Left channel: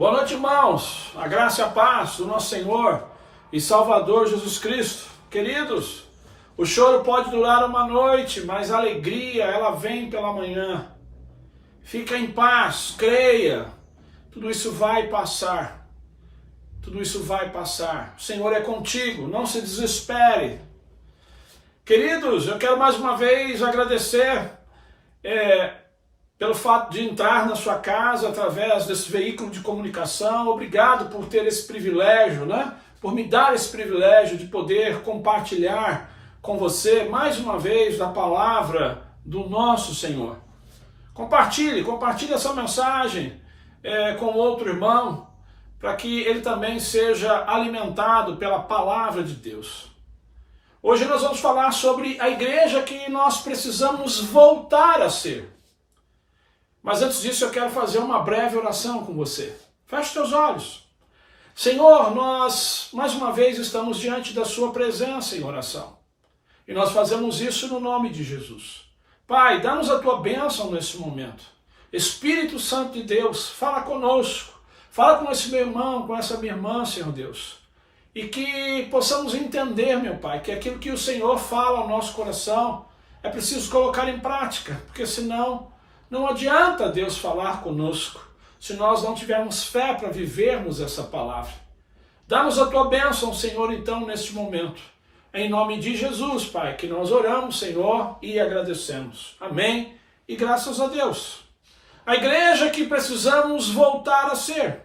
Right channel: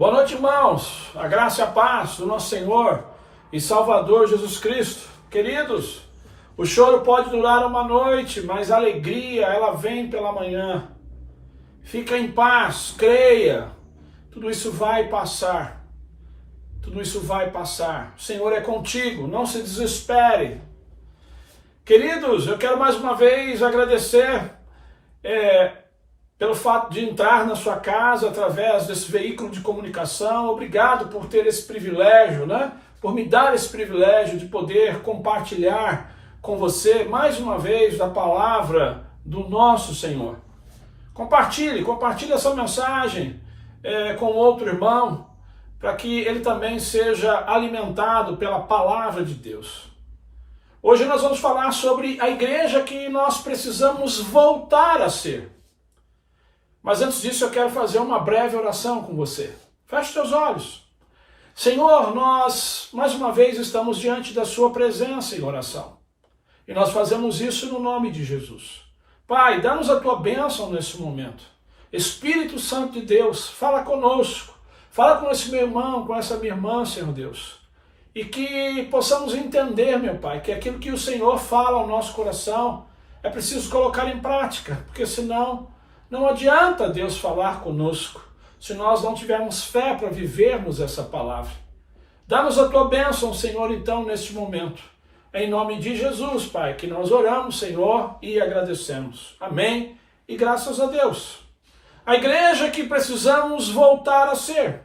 Boa noite, irmãos. A graça e a paz do nosso Senhor e Salvador Jesus Cristo. Queridos, o choro pode durar uma noite, mas a alegria, ela vem pela manhã. Fica em paz, creia. Tudo isso vai passar. Tudo isso vai passar. O Senhor é contigo, não se desespere. Queridos, eu quero mais uma vez agradecer pelo fato de entrar na sua casa através desse veículo de comunicação. Obrigado por ter esse privilégio, por me dar esse privilégio de poder compartilhar com você mais uma vez da palavra do nosso Senhor. Compartilhe essa mensagem com outro irmão, para que ele também seja alimentado pela palavra de Deus. Hoje nós vamos falar sobre a igreja que nós precisamos voltar a ser. Mas antes disso eu quero fazer uma breve oração com você. Feche teus olhos. Senhor, nós mais uma vez estamos diante da sua presença em oração. E nós fazemos isso no nome de Jesus. Pai, dá-nos a tua bênção nesse momento. Espírito Santo de Deus, fala conosco. Fala com esse meu irmão, com essa minha irmã, Senhor Deus. E que possamos entender, meu Pai, que aquilo que o Senhor fala ao nosso coração é preciso colocar em prática, porque senão não adianta Deus falar conosco se nós não tivermos fé para vivermos essa palavra. Dá-nos a tua bênção, Senhor, então, neste momento. Em nome de Jesus, Pai, que nós oramos, Senhor, e agradecemos. Amém e graças a Deus. A igreja que precisamos voltar a ser.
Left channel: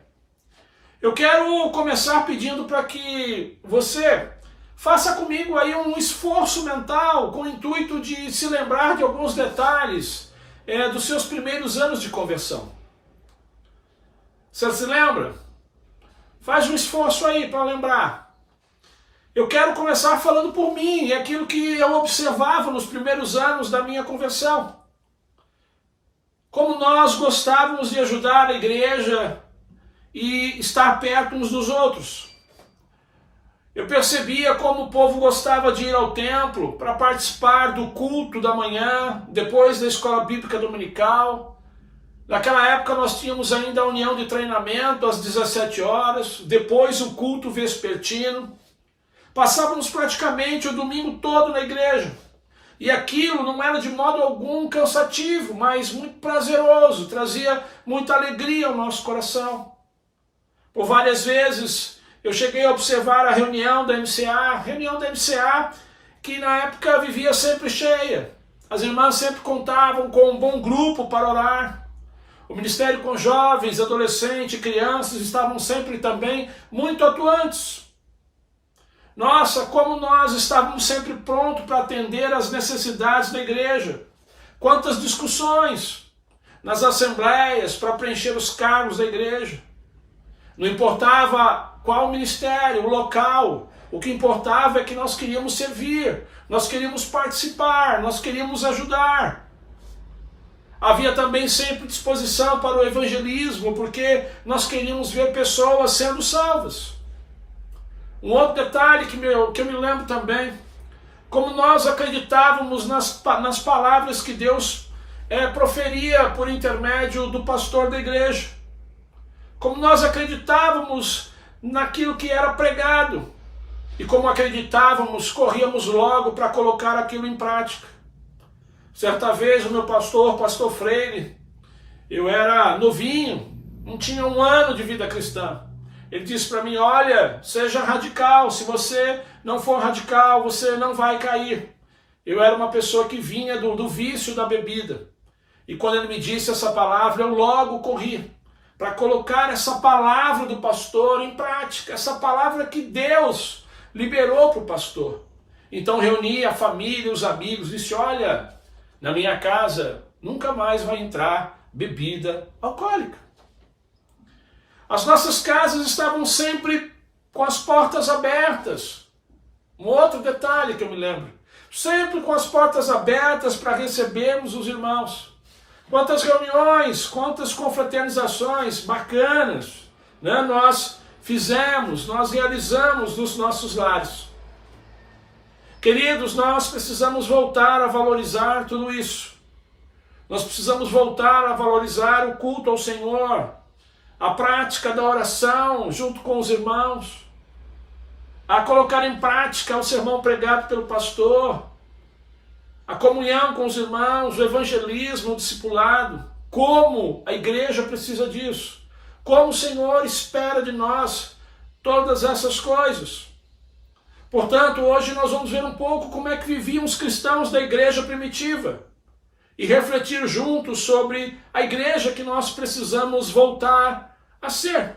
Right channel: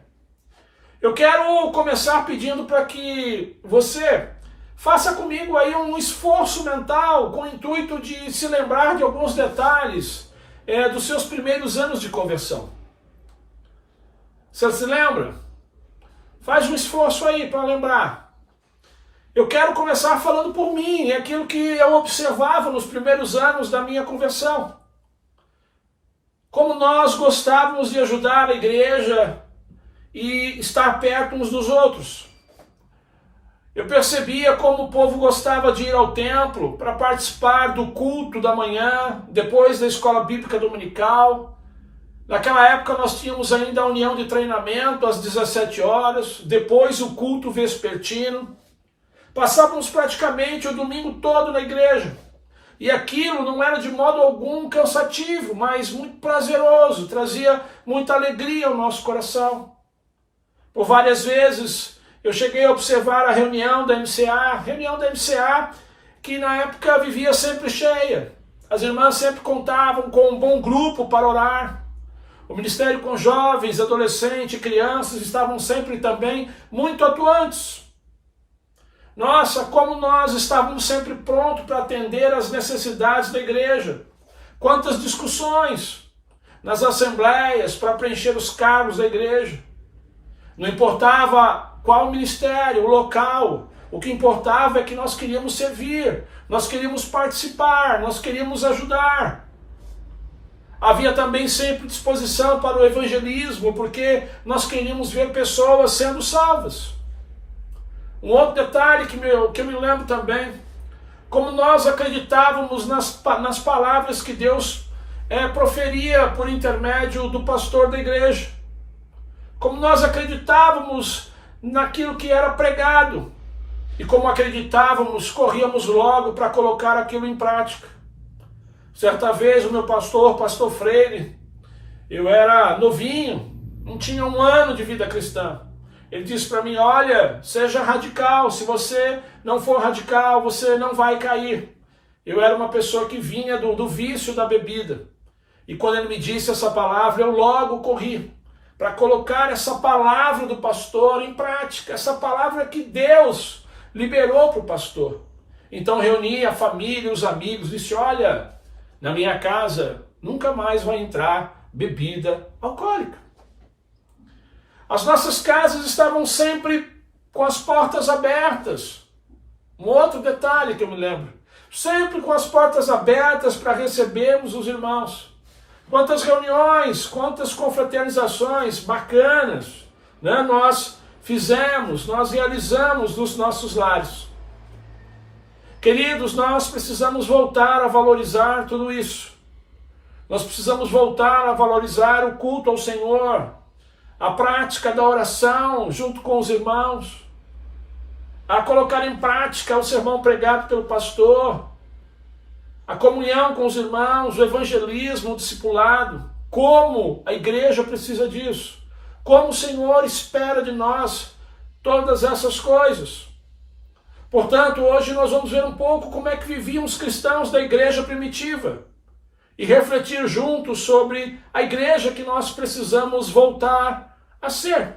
Eu quero começar pedindo para que você faça comigo aí um esforço mental com o intuito de se lembrar de alguns detalhes dos seus primeiros anos de conversão. Você se lembra? Faz um esforço aí para lembrar. Eu quero começar falando por mim, aquilo que eu observava nos primeiros anos da minha conversão. Como nós gostávamos de ajudar a igreja e estar perto uns dos outros. Eu percebia como o povo gostava de ir ao templo para participar do culto da manhã, depois da escola bíblica dominical. Naquela época nós tínhamos ainda a união de treinamento às 17 horas, depois o culto vespertino. Passávamos praticamente o domingo todo na igreja. E aquilo não era de modo algum cansativo, mas muito prazeroso, trazia muita alegria ao nosso coração. Por várias vezes eu cheguei a observar a reunião da MCA, que na época vivia sempre cheia. As irmãs sempre contavam com um bom grupo para orar. O ministério com jovens, adolescentes, crianças estavam sempre também muito atuantes. Nossa, como nós estávamos sempre prontos para atender às necessidades da igreja. Quantas discussões nas assembleias para preencher os cargos da igreja. Não importava qual ministério, o local, o que importava é que nós queríamos servir, nós queríamos participar, nós queríamos ajudar. Havia também sempre disposição para o evangelismo, porque nós queríamos ver pessoas sendo salvas. Um outro detalhe que eu me lembro também, como nós acreditávamos nas palavras que Deus proferia por intermédio do pastor da igreja. Como nós acreditávamos naquilo que era pregado. E como acreditávamos, corríamos logo para colocar aquilo em prática. Certa vez o meu pastor Freire, eu era novinho, não tinha 1 ano de vida cristã. Ele disse para mim, olha, seja radical, se você não for radical, você não vai cair. Eu era uma pessoa que vinha do vício da bebida. E quando ele me disse essa palavra, eu logo corri para colocar essa palavra do pastor em prática, essa palavra que Deus liberou para o pastor. Então reuni a família, os amigos, disse, olha, na minha casa nunca mais vai entrar bebida alcoólica. As nossas casas estavam sempre com as portas abertas. Um outro detalhe que eu me lembro, sempre com as portas abertas para recebermos os irmãos. Quantas reuniões, quantas confraternizações bacanas, nós fizemos, nós realizamos nos nossos lares. Queridos, nós precisamos voltar a valorizar tudo isso. Nós precisamos voltar a valorizar o culto ao Senhor, a prática da oração junto com os irmãos, a colocar em prática o sermão pregado pelo pastor, a comunhão com os irmãos, o evangelismo, o discipulado. Como a igreja precisa disso, como o Senhor espera de nós todas essas coisas. Portanto, hoje nós vamos ver um pouco como é que viviam os cristãos da igreja primitiva e refletir juntos sobre a igreja que nós precisamos voltar a ser.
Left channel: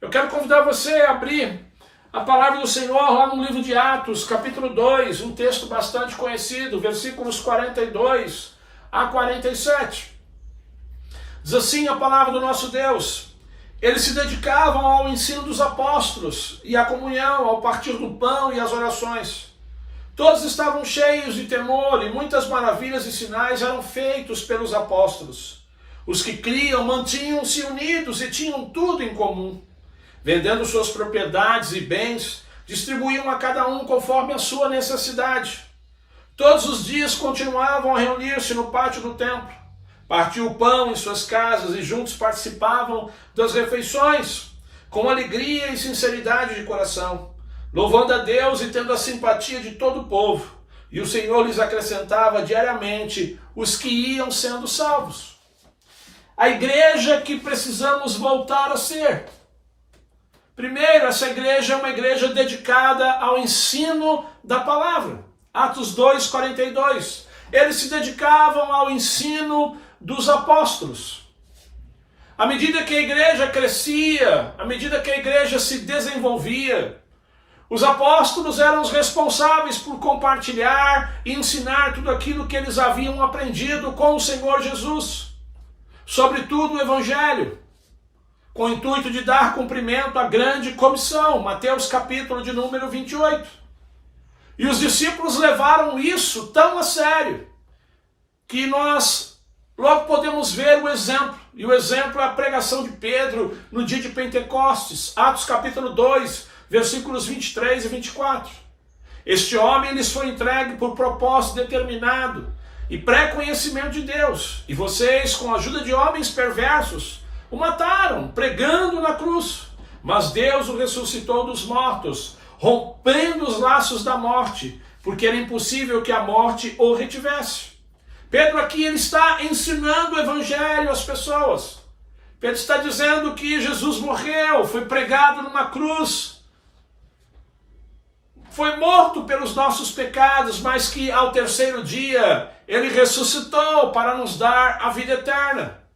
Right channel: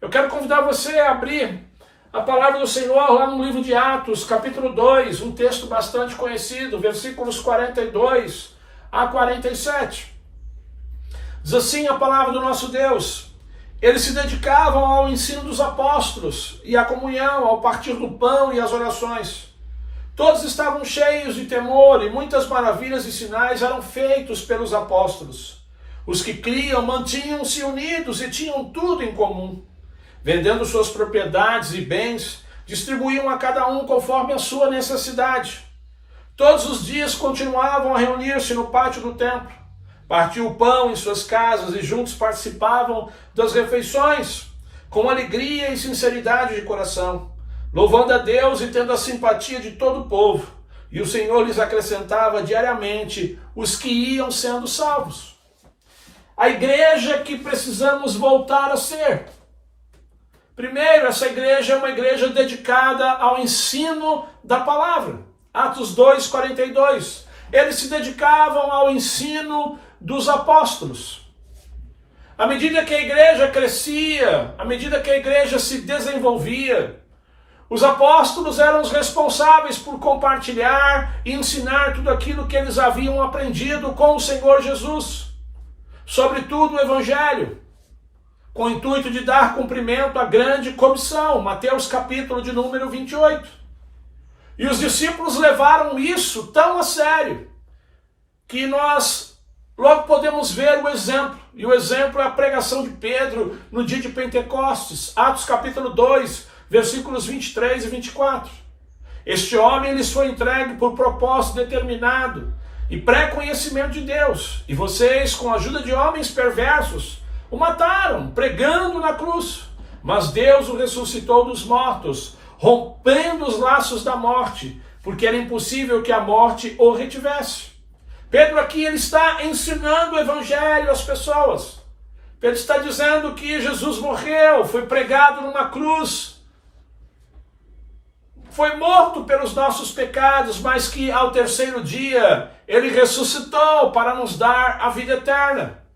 Eu quero convidar você a abrir a palavra do Senhor lá no livro de Atos, capítulo 2, um texto bastante conhecido, versículos 42 a 47. Diz assim a palavra do nosso Deus: eles se dedicavam ao ensino dos apóstolos e à comunhão, ao partir do pão e às orações. Todos estavam cheios de temor e muitas maravilhas e sinais eram feitos pelos apóstolos. Os que criam mantinham-se unidos e tinham tudo em comum. Vendendo suas propriedades e bens, distribuíam a cada um conforme a sua necessidade. Todos os dias continuavam a reunir-se no pátio do templo. Partiam o pão em suas casas e juntos participavam das refeições, com alegria e sinceridade de coração, louvando a Deus e tendo a simpatia de todo o povo. E o Senhor lhes acrescentava diariamente os que iam sendo salvos. A igreja que precisamos voltar a ser. Primeiro, essa igreja é uma igreja dedicada ao ensino da palavra. Atos 2, 42. Eles se dedicavam ao ensino dos apóstolos. À medida que a igreja crescia, à medida que a igreja se desenvolvia, os apóstolos eram os responsáveis por compartilhar e ensinar tudo aquilo que eles haviam aprendido com o Senhor Jesus, sobretudo o Evangelho, com o intuito de dar cumprimento à grande comissão, Mateus capítulo de número 28. E os discípulos levaram isso tão a sério, que nós logo podemos ver o exemplo. E o exemplo é a pregação de Pedro no dia de Pentecostes, Atos capítulo 2, versículos 23 e 24. Este homem lhes foi entregue por propósito determinado e pré-conhecimento de Deus. E vocês, com a ajuda de homens perversos, o mataram, pregando na cruz. Mas Deus o ressuscitou dos mortos, rompendo os laços da morte, porque era impossível que a morte o retivesse. Pedro aqui ele está ensinando o evangelho às pessoas. Pedro está dizendo que Jesus morreu, foi pregado numa cruz, foi morto pelos nossos pecados, mas que ao terceiro dia ele ressuscitou para nos dar a vida eterna.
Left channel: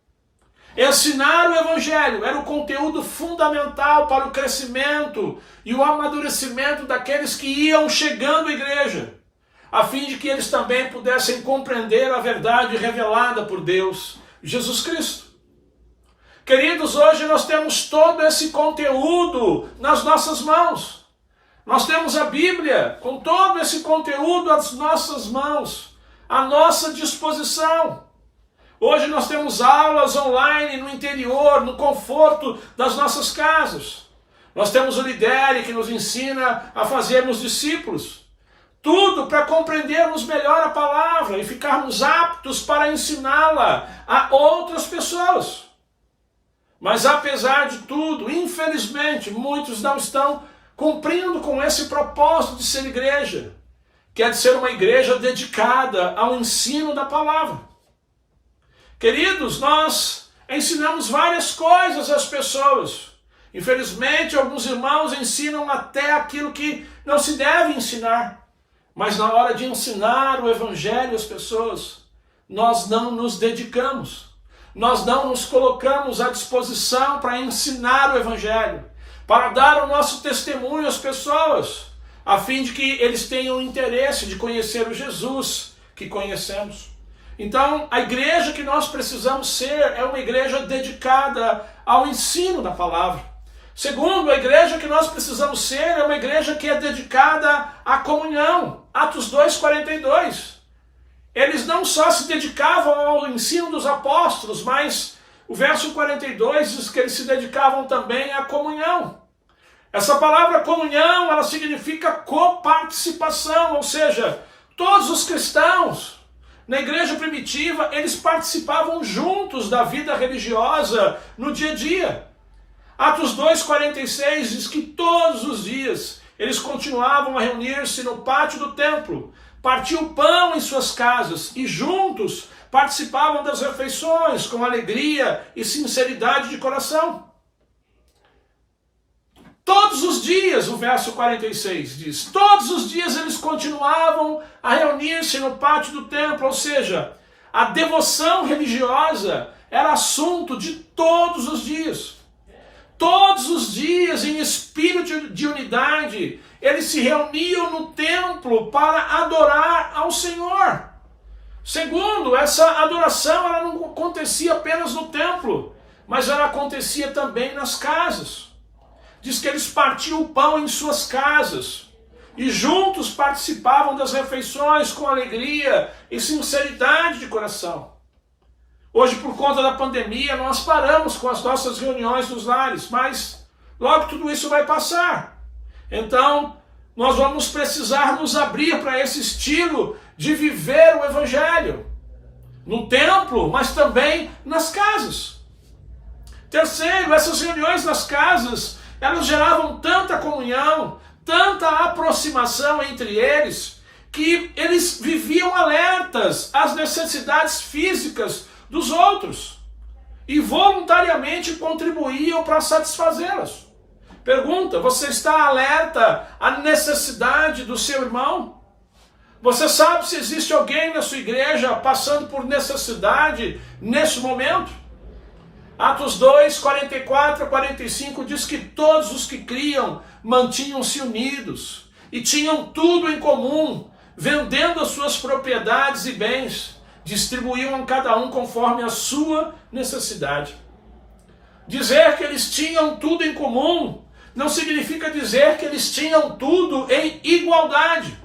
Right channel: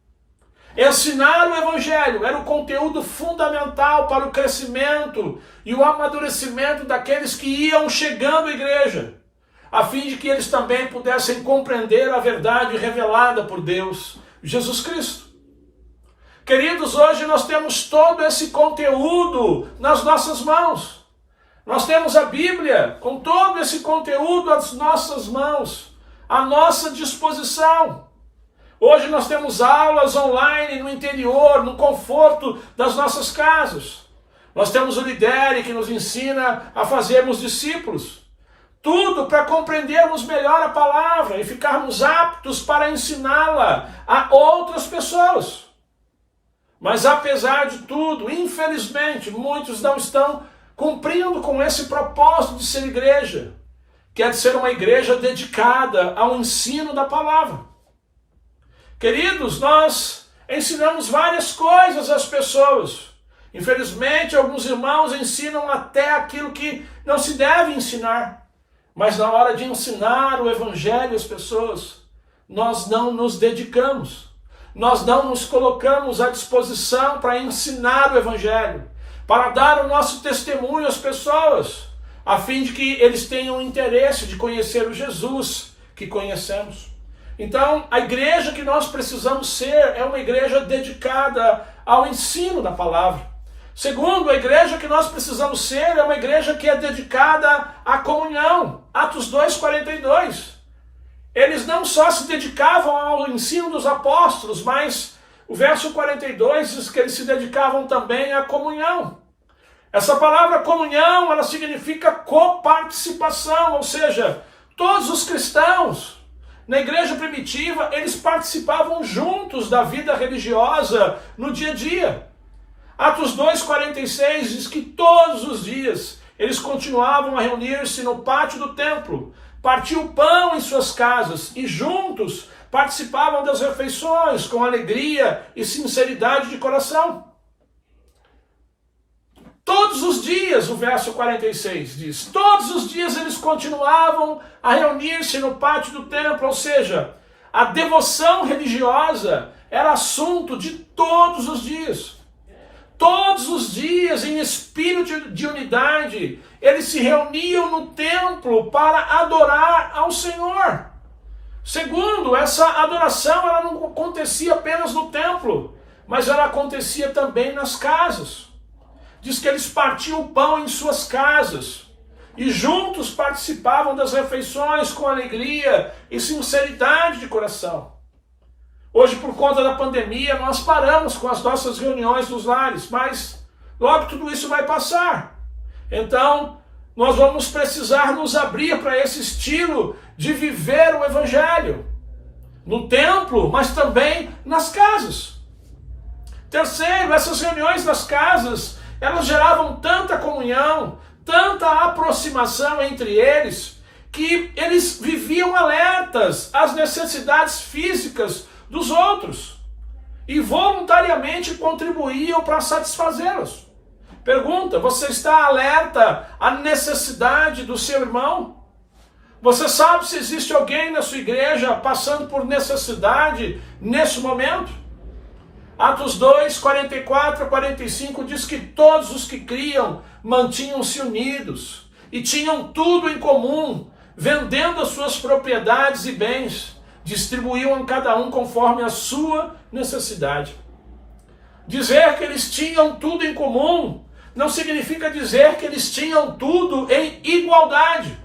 Ensinar o evangelho era o conteúdo fundamental para o crescimento e o amadurecimento daqueles que iam chegando à igreja, a fim de que eles também pudessem compreender a verdade revelada por Deus, Jesus Cristo. Queridos, hoje nós temos todo esse conteúdo nas nossas mãos. Nós temos a Bíblia com todo esse conteúdo às nossas mãos, à nossa disposição. Hoje nós temos aulas online no interior, no conforto das nossas casas. Nós temos o Lidere que nos ensina a fazermos discípulos. Tudo para compreendermos melhor a palavra e ficarmos aptos para ensiná-la a outras pessoas. Mas apesar de tudo, infelizmente, muitos não estão cumprindo com esse propósito de ser igreja, que é de ser uma igreja dedicada ao ensino da palavra. Queridos, nós ensinamos várias coisas às pessoas. Infelizmente, alguns irmãos ensinam até aquilo que não se deve ensinar. Mas na hora de ensinar o evangelho às pessoas, nós não nos dedicamos. Nós não nos colocamos à disposição para ensinar o evangelho, para dar o nosso testemunho às pessoas, a fim de que eles tenham interesse de conhecer o Jesus que conhecemos. Então, a igreja que nós precisamos ser é uma igreja dedicada ao ensino da palavra. Segundo, a igreja que nós precisamos ser é uma igreja que é dedicada à comunhão. Atos 2:42. Eles não só se dedicavam ao ensino dos apóstolos, mas o verso 42 diz que eles se dedicavam também à comunhão. Essa palavra comunhão, ela significa coparticipação, ou seja, todos os cristãos, Na igreja primitiva, eles participavam juntos da vida religiosa no dia a dia. Atos 2,46 diz que todos os dias eles continuavam a reunir-se no pátio do templo, partiam pão em suas casas e juntos participavam das refeições com alegria e sinceridade de coração. Todos os dias, o verso 46 diz, todos os dias eles continuavam a reunir-se no pátio do templo, ou seja, a devoção religiosa era assunto de todos os dias. Todos os dias, em espírito de unidade, eles se reuniam no templo para adorar ao Senhor. Segundo, essa adoração ela não acontecia apenas no templo, mas ela acontecia também nas casas. Diz que eles partiam o pão em suas casas e juntos participavam das refeições com alegria e sinceridade de coração. Hoje, por conta da pandemia, nós paramos com as nossas reuniões nos lares, mas logo tudo isso vai passar. Então, nós vamos precisar nos abrir para esse estilo de viver o Evangelho no templo, mas também nas casas. Terceiro, essas reuniões nas casas elas geravam tanta comunhão, tanta aproximação entre eles, que eles viviam alertas às necessidades físicas dos outros e voluntariamente contribuíam para satisfazê-las. Pergunta, você está alerta à necessidade do seu irmão? Você sabe se existe alguém na sua igreja passando por necessidade nesse momento? Atos 2, 44 a 45 diz que todos os que criam mantinham-se unidos e tinham tudo em comum, vendendo as suas propriedades e bens, distribuíam a cada um conforme a sua necessidade. Dizer que eles tinham tudo em comum não significa dizer que eles tinham tudo em igualdade,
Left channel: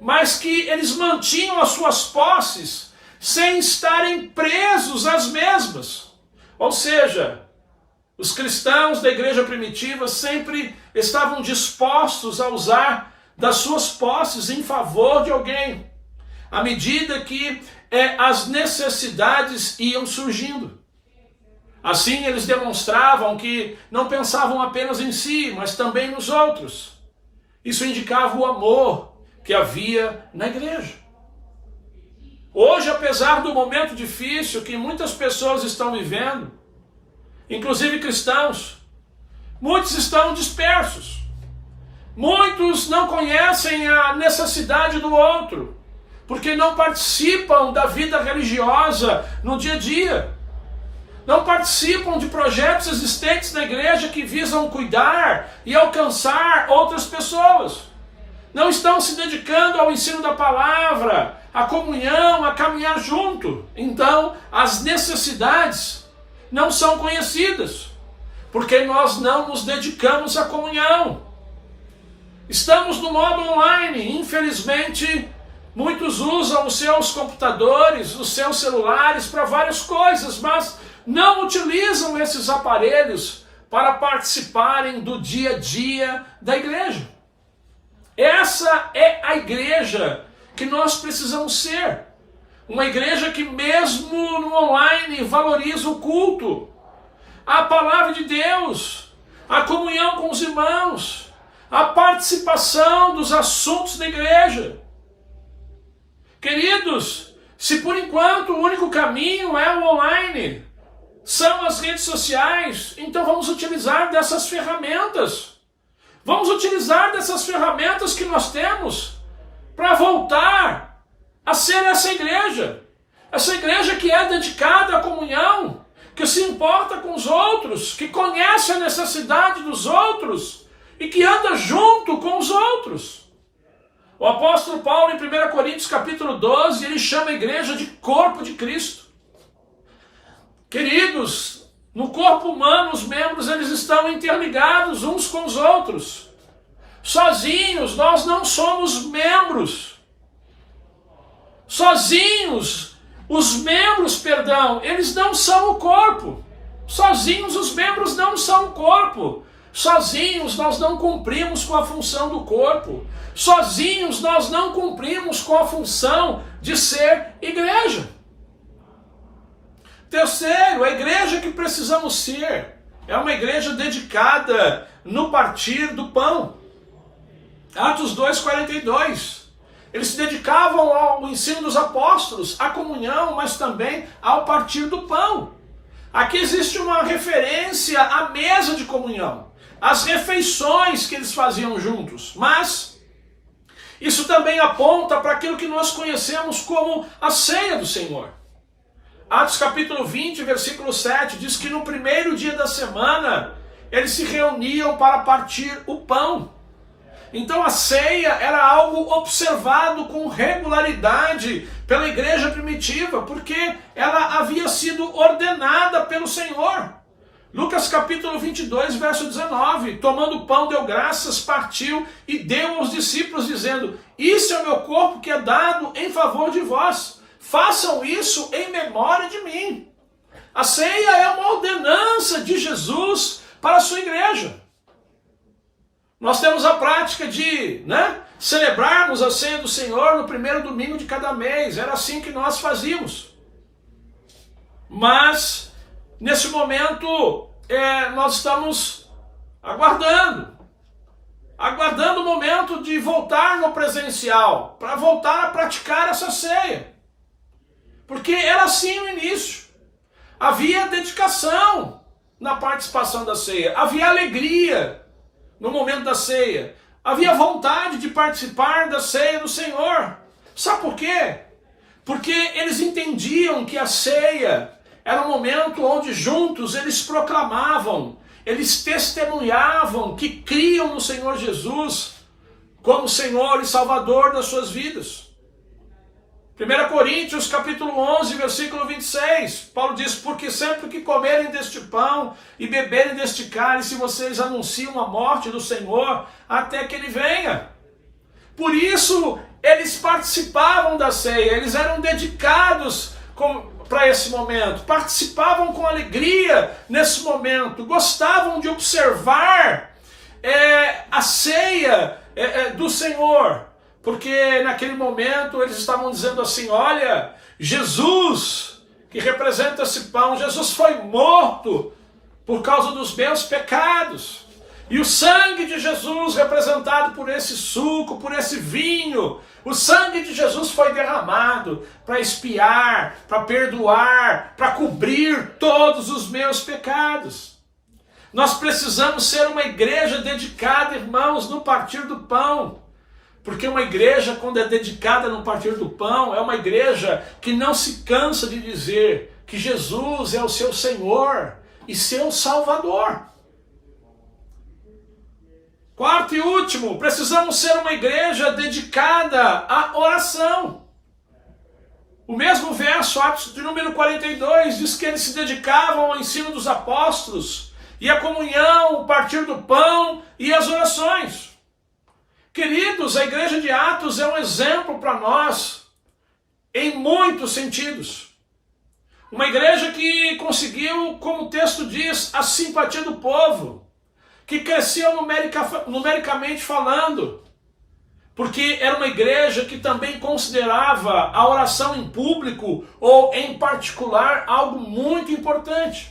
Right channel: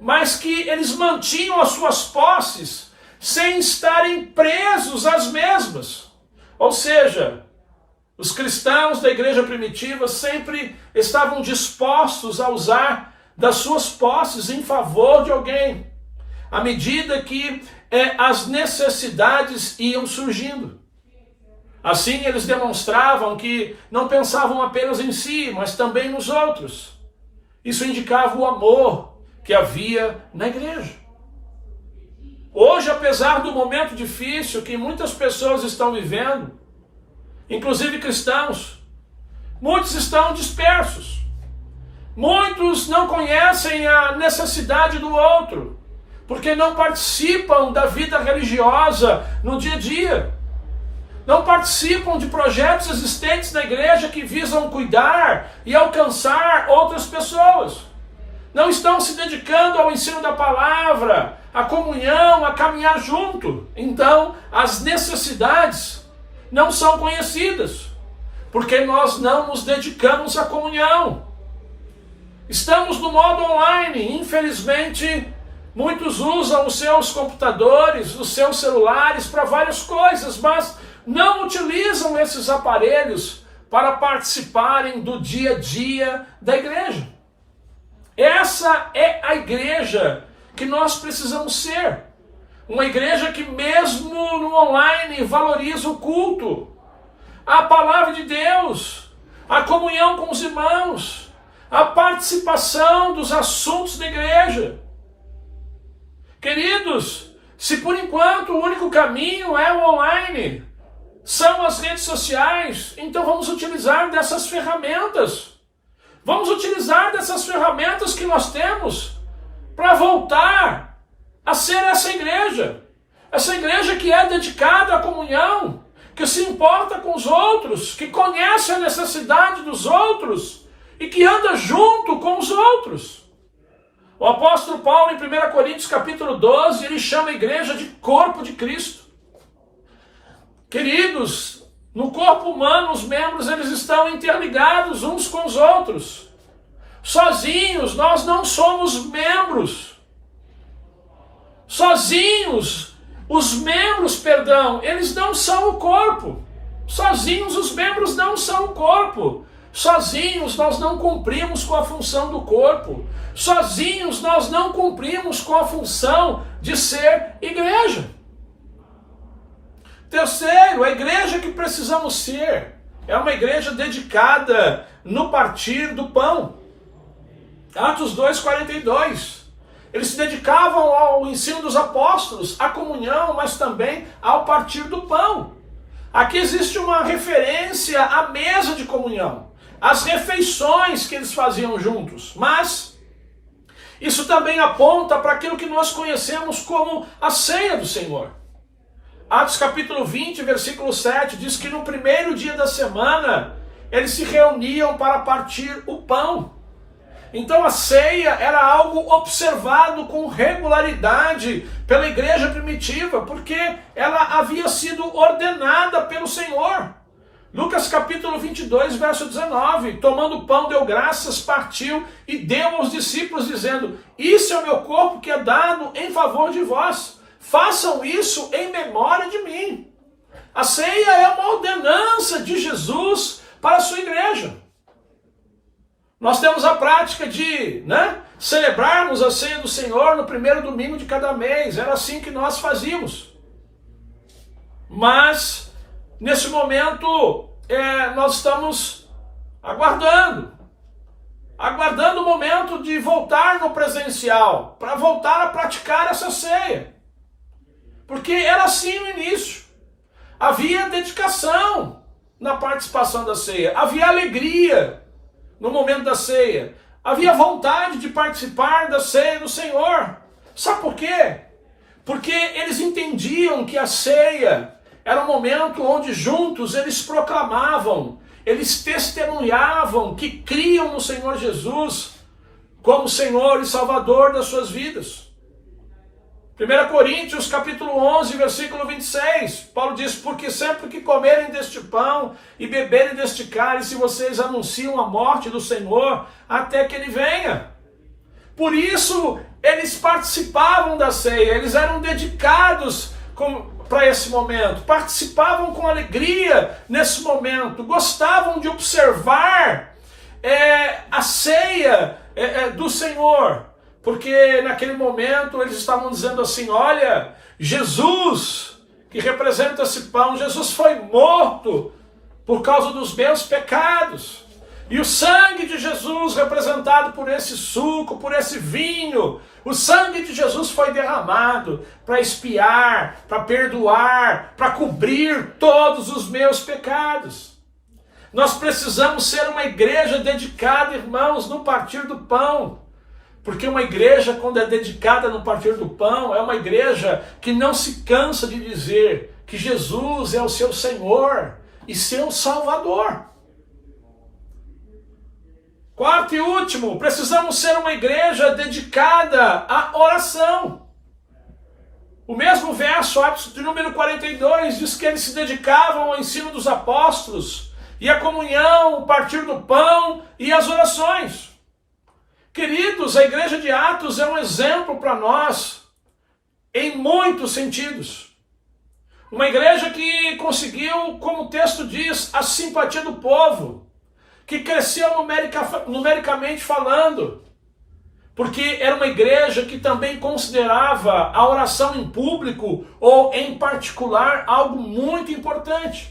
mas que eles mantinham as suas posses sem estarem presos às mesmas. Ou seja, os cristãos da igreja primitiva sempre estavam dispostos a usar das suas posses em favor de alguém, à medida que as necessidades iam surgindo. Assim, eles demonstravam que não pensavam apenas em si, mas também nos outros. Isso indicava o amor que havia na igreja. Hoje, apesar do momento difícil que muitas pessoas estão vivendo, inclusive cristãos, muitos estão dispersos. Muitos não conhecem a necessidade do outro, porque não participam da vida religiosa no dia a dia. Não participam de projetos existentes na igreja que visam cuidar e alcançar outras pessoas. Não estão se dedicando ao ensino da palavra, à comunhão, a caminhar junto. Então, as necessidades não são conhecidas, porque nós não nos dedicamos à comunhão. Estamos no modo online, infelizmente, muitos usam os seus computadores, os seus celulares para várias coisas, mas não utilizam esses aparelhos para participarem do dia a dia da igreja. Essa é a igreja que nós precisamos ser. Uma igreja que mesmo no online valoriza o culto, a palavra de Deus, a comunhão com os irmãos, a participação dos assuntos da igreja. Queridos, se por enquanto o único caminho é o online, são as redes sociais, então vamos utilizar dessas ferramentas. Vamos utilizar dessas ferramentas que nós temos para voltar a ser essa igreja que é dedicada à comunhão, que se importa com os outros, que conhece a necessidade dos outros e que anda junto com os outros. O apóstolo Paulo, em 1 Coríntios capítulo 12, ele chama a igreja de corpo de Cristo. Queridos, no corpo humano, os membros eles estão interligados uns com os outros. Sozinhos, nós não somos membros. Sozinhos, os membros, eles não são o corpo. Sozinhos, os membros não são o corpo. Sozinhos, nós não cumprimos com a função do corpo. Sozinhos, nós não cumprimos com a função de ser igreja. Terceiro, a igreja que precisamos ser é uma igreja dedicada no partir do pão. Atos 2:42. Eles se dedicavam ao ensino dos apóstolos, à comunhão, mas também ao partir do pão. Aqui existe uma referência à mesa de comunhão, às refeições que eles faziam juntos, mas isso também aponta para aquilo que nós conhecemos como a ceia do Senhor. Atos capítulo 20, versículo 7, diz que no primeiro dia da semana eles se reuniam para partir o pão. Então a ceia era algo observado com regularidade pela igreja primitiva, porque ela havia sido ordenada pelo Senhor. Lucas capítulo 22, verso 19, tomando o pão, deu graças, partiu e deu aos discípulos, dizendo: isso é o meu corpo que é dado em favor de vós, façam isso em memória de mim. A ceia é uma ordenança de Jesus para a sua igreja. Nós temos a prática de celebrarmos a ceia do Senhor no primeiro domingo de cada mês. Era assim que nós fazíamos. Mas, nesse momento, nós estamos aguardando o momento de voltar no presencial, para voltar a praticar essa ceia. Porque era assim no início. Havia dedicação na participação da ceia, havia alegria no momento da ceia, havia vontade de participar da ceia do Senhor. Sabe por quê? Porque eles entendiam que a ceia era um momento onde juntos eles proclamavam, eles testemunhavam que criam no Senhor Jesus como Senhor e Salvador das suas vidas. 1 Coríntios capítulo 11, versículo 26, Paulo diz: porque sempre que comerem deste pão e beberem deste cálice, vocês anunciam a morte do Senhor até que Ele venha. Por isso, eles participavam da ceia, eles eram dedicados para esse momento, participavam com alegria nesse momento, gostavam de observar a ceia do Senhor. Porque naquele momento eles estavam dizendo assim: olha, Jesus, que representa esse pão, Jesus foi morto por causa dos meus pecados. E o sangue de Jesus, representado por esse suco, por esse vinho, o sangue de Jesus foi derramado para expiar, para perdoar, para cobrir todos os meus pecados. Nós precisamos ser uma igreja dedicada, irmãos, no partir do pão. Porque uma igreja, quando é dedicada no partir do pão, é uma igreja que não se cansa de dizer que Jesus é o seu Senhor e seu Salvador. Quarto e último, precisamos ser uma igreja dedicada à oração. O mesmo verso, Atos de número 42, diz que eles se dedicavam ao ensino dos apóstolos e à comunhão, o partir do pão e as orações. Queridos, a igreja de Atos é um exemplo para nós em muitos sentidos. Uma igreja que conseguiu, como o texto diz, a simpatia do povo, que cresceu numericamente falando, porque era uma igreja que também considerava a oração em público ou em particular algo muito importante.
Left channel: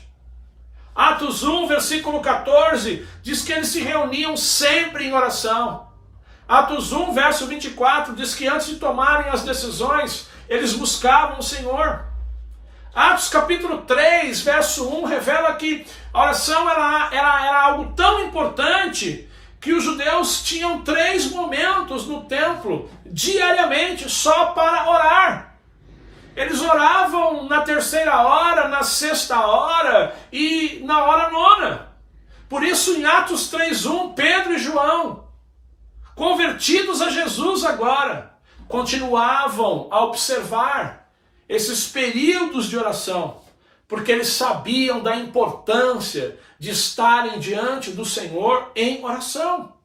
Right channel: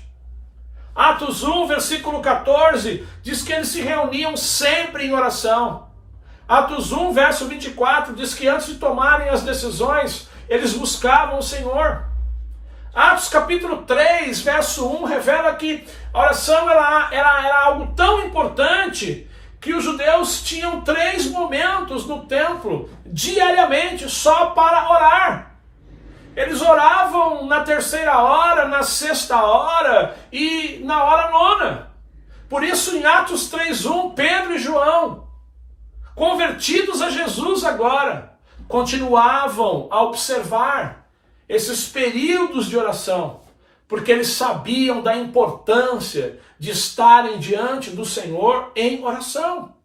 Atos 1, versículo 14, diz que eles se reuniam sempre em oração. Atos 1, verso 24, diz que antes de tomarem as decisões, eles buscavam o Senhor. Atos capítulo 3, verso 1, revela que a oração era algo tão importante que os judeus tinham 3 momentos no templo, diariamente, só para orar. Eles oravam na 3ª hora, na 6ª hora e na hora 9ª. Por isso, em Atos 3:1, Pedro e João, convertidos a Jesus agora, continuavam a observar esses períodos de oração, porque eles sabiam da importância de estarem diante do Senhor em oração.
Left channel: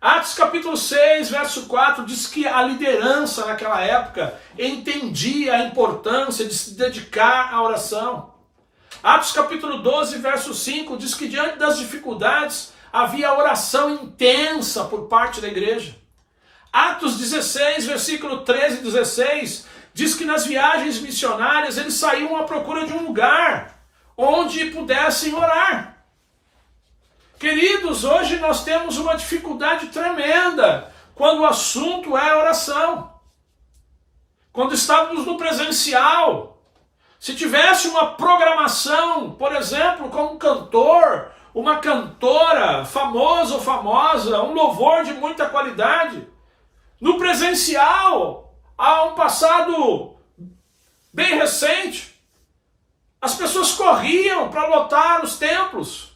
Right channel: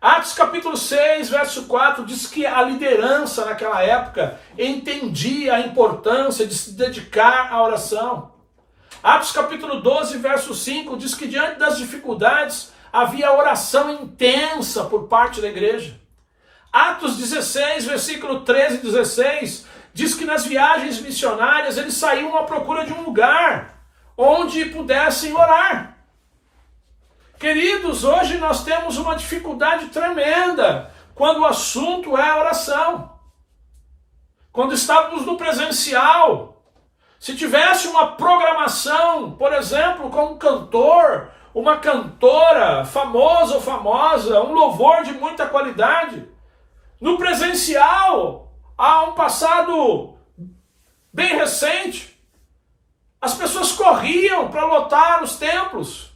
Atos capítulo 6, verso 4, diz que a liderança naquela época entendia a importância de se dedicar à oração. Atos capítulo 12, verso 5, diz que diante das dificuldades havia oração intensa por parte da igreja. Atos 16, versículo 13 e 16, diz que nas viagens missionárias eles saíam à procura de um lugar onde pudessem orar. Queridos, hoje nós temos uma dificuldade tremenda quando o assunto é oração. Quando estávamos no presencial, se tivesse uma programação, por exemplo, com um cantor, uma cantora famosa ou famosa, um louvor de muita qualidade, no presencial, há um passado bem recente, as pessoas corriam para lotar os templos.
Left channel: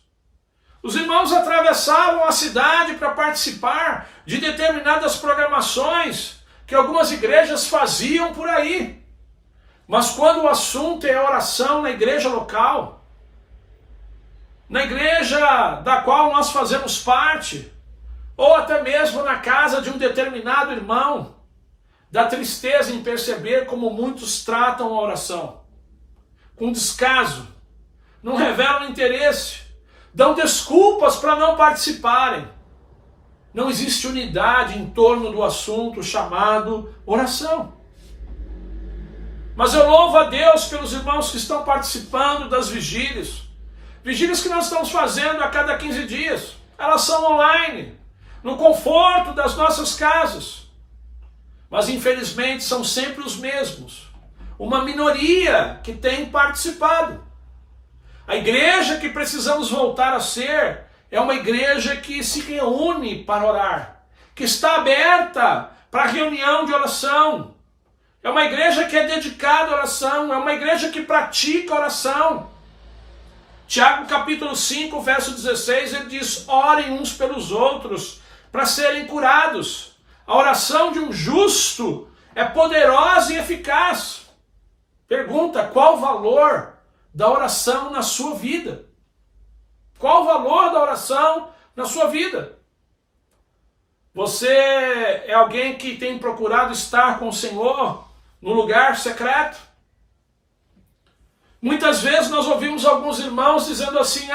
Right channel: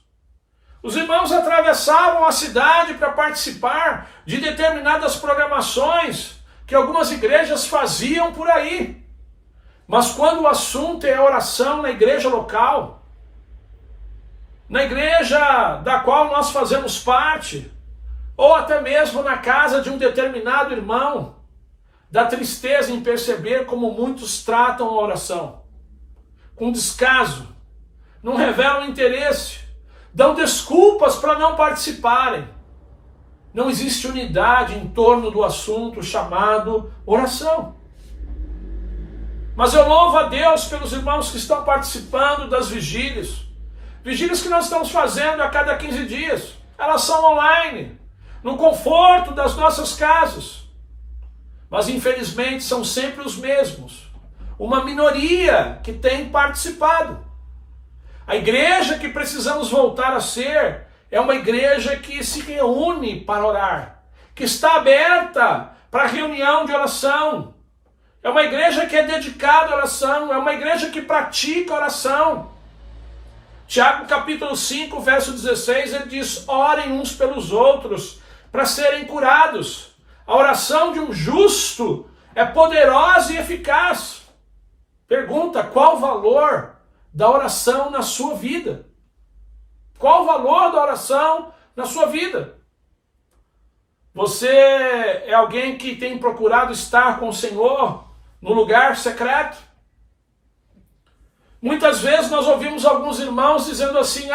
Os irmãos atravessavam a cidade para participar de determinadas programações que algumas igrejas faziam por aí. Mas quando o assunto é oração na igreja local, na igreja da qual nós fazemos parte, ou até mesmo na casa de um determinado irmão, dá tristeza em perceber como muitos tratam a oração. Com descaso, não revelam interesse, dão desculpas para não participarem. Não existe unidade em torno do assunto chamado oração. Mas eu louvo a Deus pelos irmãos que estão participando das vigílias. Vigílias que nós estamos fazendo a cada 15 dias. Elas são online, no conforto das nossas casas. Mas infelizmente são sempre os mesmos. Uma minoria que tem participado. A igreja que precisamos voltar a ser é uma igreja que se reúne para orar, que está aberta para reunião de oração. É uma igreja que é dedicada à oração, é uma igreja que pratica oração. Tiago capítulo 5, verso 16, ele diz: orem uns pelos outros para serem curados. A oração de um justo é poderosa e eficaz. Pergunta: qual o valor da oração na sua vida? Qual o valor da oração na sua vida? Você é alguém que tem procurado estar com o Senhor no lugar secreto? Muitas vezes nós ouvimos alguns irmãos dizendo assim:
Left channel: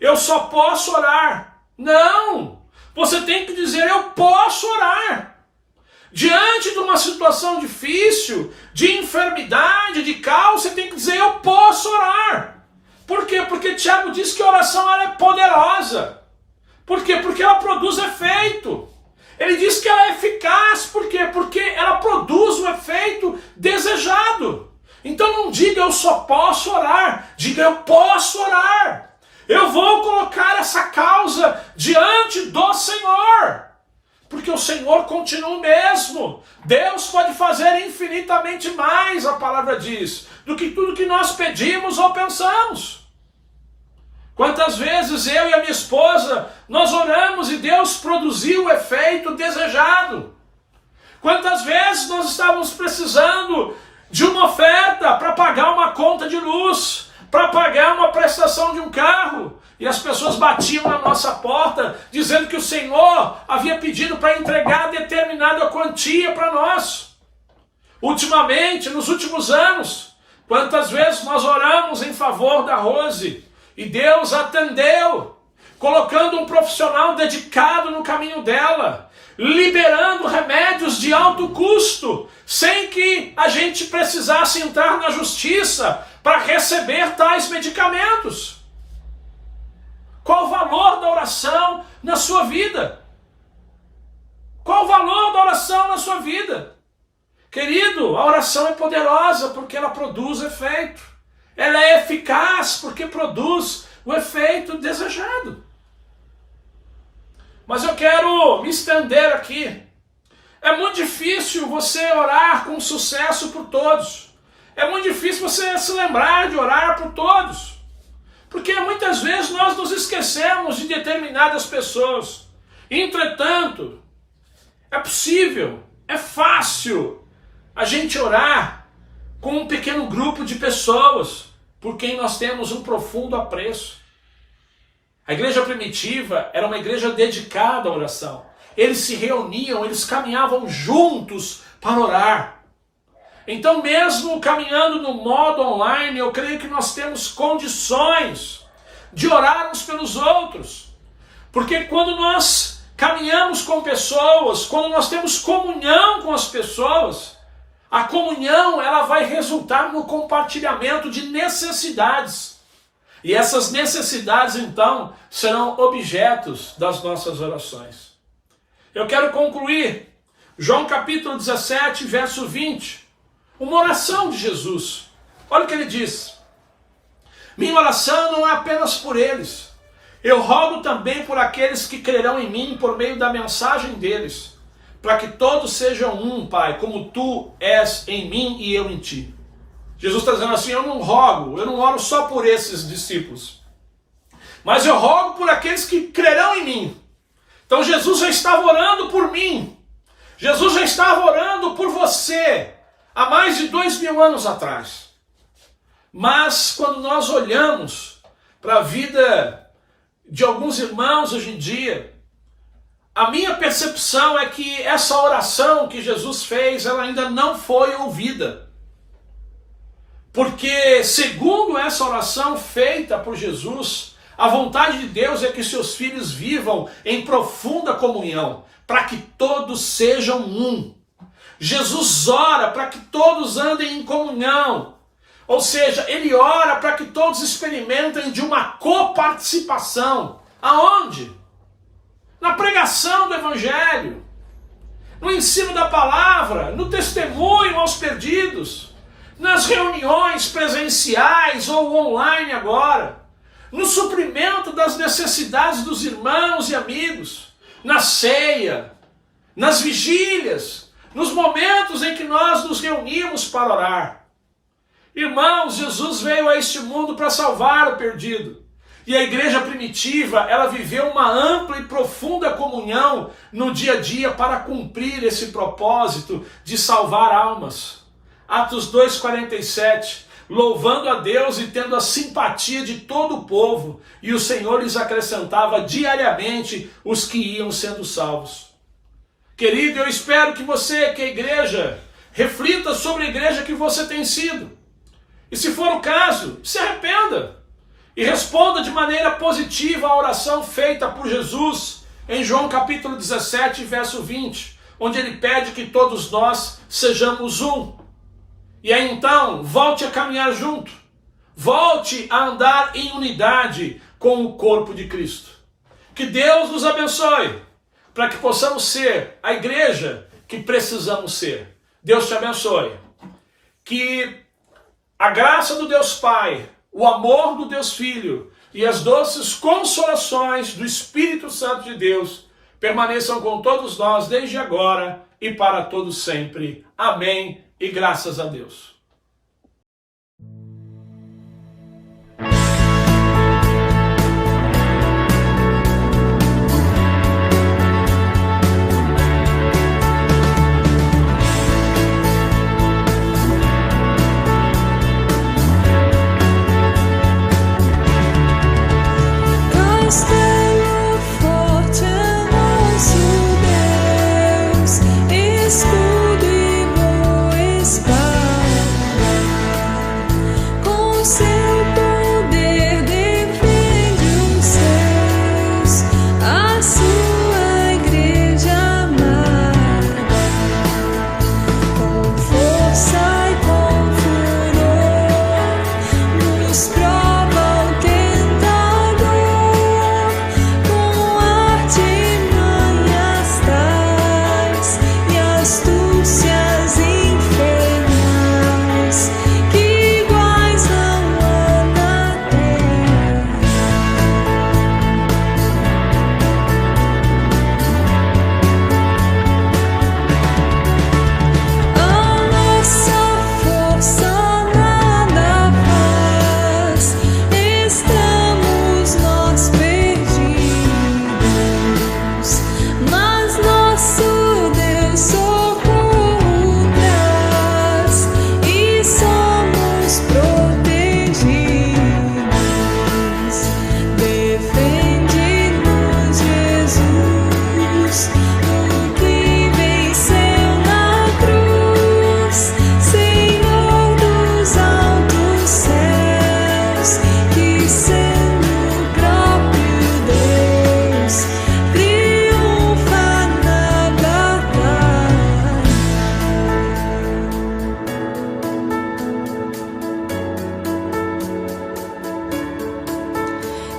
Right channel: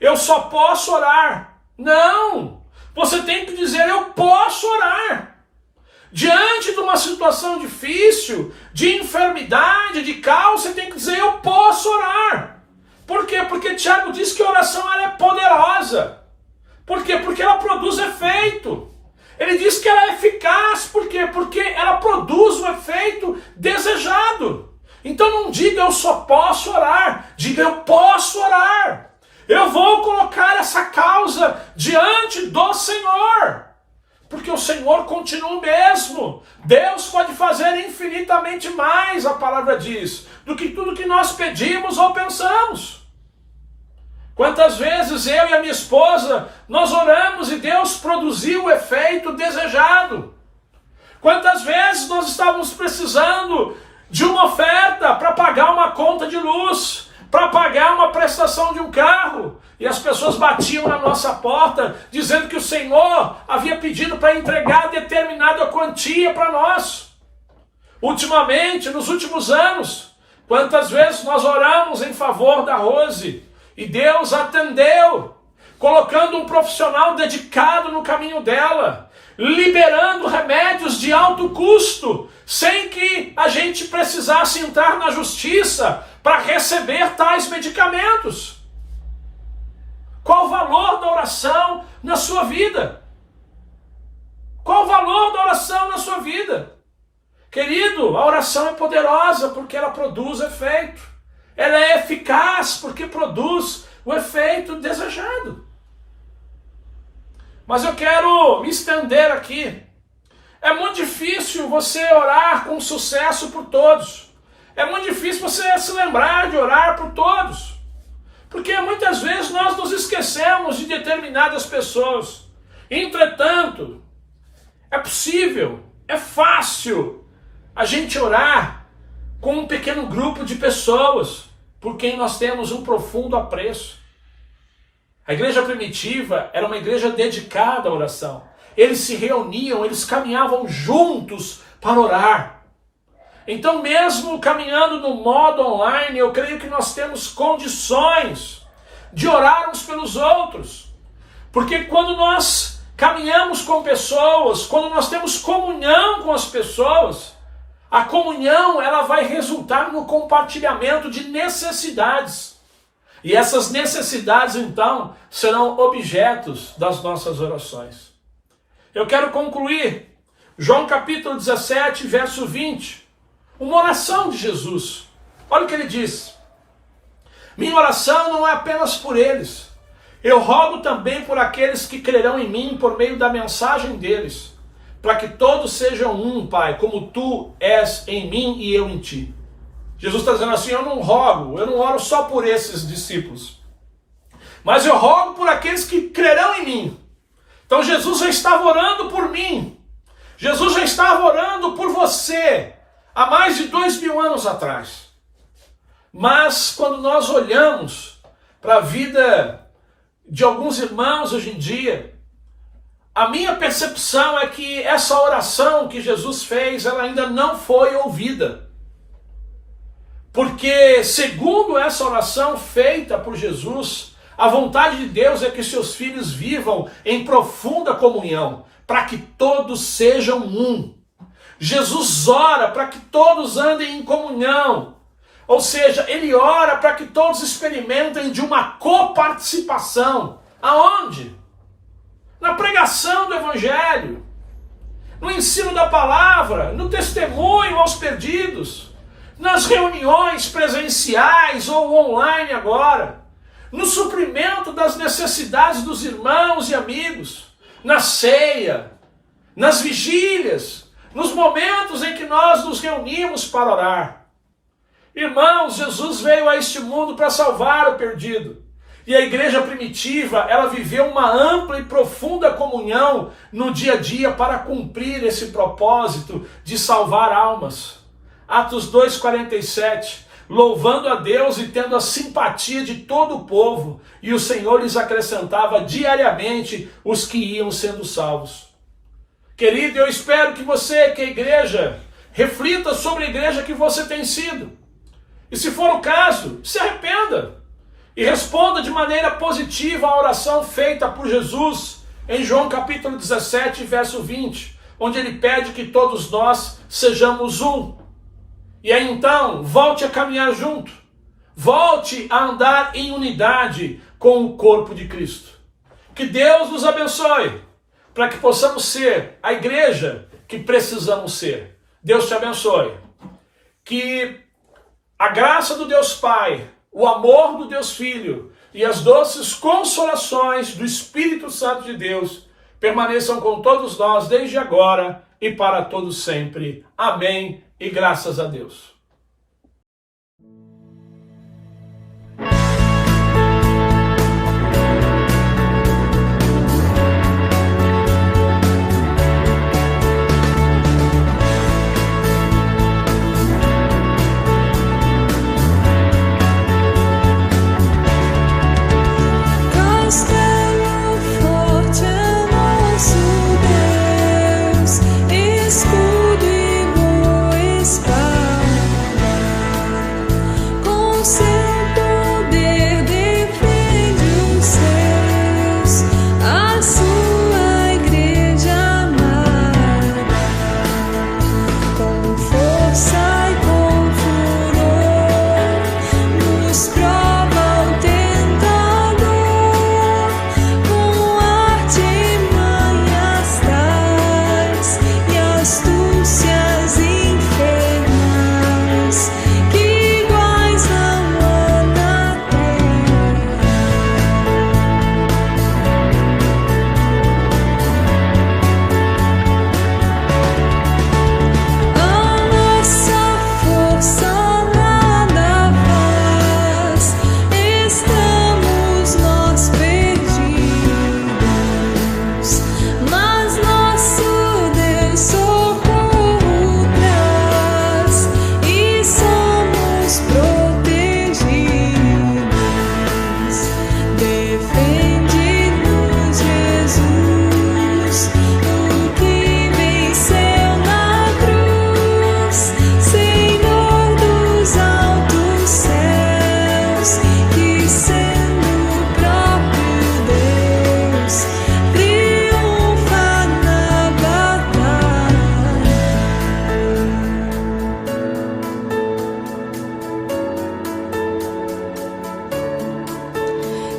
eu só posso orar. Não! Você tem que dizer: eu posso orar. Diante de uma situação difícil, de enfermidade, de caos, você tem que dizer: eu posso orar. Por quê? Porque Tiago diz que a oração ela é poderosa. Por quê? Porque ela produz efeito. Ele diz que ela é eficaz. Por quê? Porque ela produz o efeito desejado. Então não diga: eu só posso orar. Diga: eu posso orar. Eu vou colocar essa causa diante do Senhor. Porque o Senhor continua o mesmo. Deus pode fazer infinitamente mais, a palavra diz, do que tudo que nós pedimos ou pensamos. Quantas vezes eu e a minha esposa, nós oramos e Deus produziu o efeito desejado. Quantas vezes nós estávamos precisando de uma oferta para pagar uma conta de luz, para pagar uma prestação de um carro, e as pessoas batiam na nossa porta, dizendo que o Senhor havia pedido para entregar determinada quantia para nós. Ultimamente, nos últimos anos, quantas vezes nós oramos em favor da Rose, e Deus atendeu, colocando um profissional dedicado no caminho dela, liberando remédios de alto custo, sem que a gente precisasse entrar na justiça para receber tais medicamentos. Qual o valor da oração na sua vida? Qual o valor da oração na sua vida? Querido, a oração é poderosa porque ela produz efeito. Ela é eficaz porque produz o efeito desejado. Mas eu quero me estender aqui. É muito difícil você orar com sucesso por todos. É muito difícil você se lembrar de orar por todos. Porque muitas vezes nós nos esquecemos de determinadas pessoas. Entretanto, é possível, é fácil a gente orar com um pequeno grupo de pessoas por quem nós temos um profundo apreço. A igreja primitiva era uma igreja dedicada à oração. Eles se reuniam, eles caminhavam juntos para orar. Então, mesmo caminhando no modo online, eu creio que nós temos condições de orar uns pelos outros. Porque quando nós caminhamos com pessoas, quando nós temos comunhão com as pessoas, A comunhão, ela vai resultar no compartilhamento de necessidades. E essas necessidades, então, serão objetos das nossas orações. Eu quero concluir. João capítulo 17, verso 20. Uma oração de Jesus. Olha o que ele diz. Minha oração não é apenas por eles. Eu rogo também por aqueles que crerão em mim por meio da mensagem deles, para que todos sejam um, Pai, como tu és em mim e eu em ti. Jesus está dizendo assim, eu não oro só por esses discípulos, mas eu rogo por aqueles que crerão em mim. Então Jesus já estava orando por mim, Jesus já estava orando por você, há mais de 2000 anos atrás. Mas quando nós olhamos para a vida de alguns irmãos hoje em dia, a minha percepção é que essa oração que Jesus fez, ela ainda não foi ouvida. Porque, segundo essa oração feita por Jesus, a vontade de Deus é que seus filhos vivam em profunda comunhão, para que todos sejam um. Jesus ora para que todos andem em comunhão. Ou seja, ele ora para que todos experimentem de uma coparticipação. Aonde? Na pregação do Evangelho, no ensino da palavra, no testemunho aos perdidos, nas reuniões presenciais ou online agora, no suprimento das necessidades dos irmãos e amigos, na ceia, nas vigílias, nos momentos em que nós nos reunimos para orar. Irmãos, Jesus veio a este mundo para salvar o perdido. E a igreja primitiva, ela viveu uma ampla e profunda comunhão no dia a dia para cumprir esse propósito de salvar almas. Atos 2,47, louvando a Deus e tendo a simpatia de todo o povo, e o Senhor lhes acrescentava diariamente os que iam sendo salvos. Querido, eu espero que você, que a igreja, reflita sobre a igreja que você tem sido. E se for o caso, se arrependa e responda de maneira positiva à oração feita por Jesus em João capítulo 17, verso 20, onde ele pede que todos nós sejamos um. E aí então, volte a caminhar junto, volte a andar em unidade com o corpo de Cristo. Que Deus nos abençoe, para que possamos ser a igreja que precisamos ser. Deus te abençoe. Que a graça do Deus Pai, o amor do Deus Filho e as doces consolações do Espírito Santo de Deus permaneçam com todos nós desde agora e para todos sempre. Amém e graças a Deus. Castelo forte é nosso Deus, escudo e boa espada.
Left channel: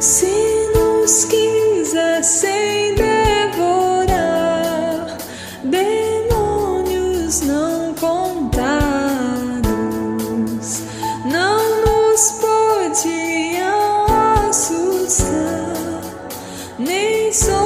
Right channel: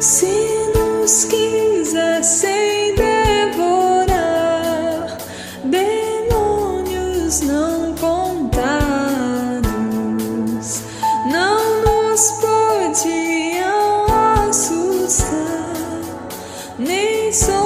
Se nos quisessem devorar, demônios não contados, não nos podiam assustar, nem só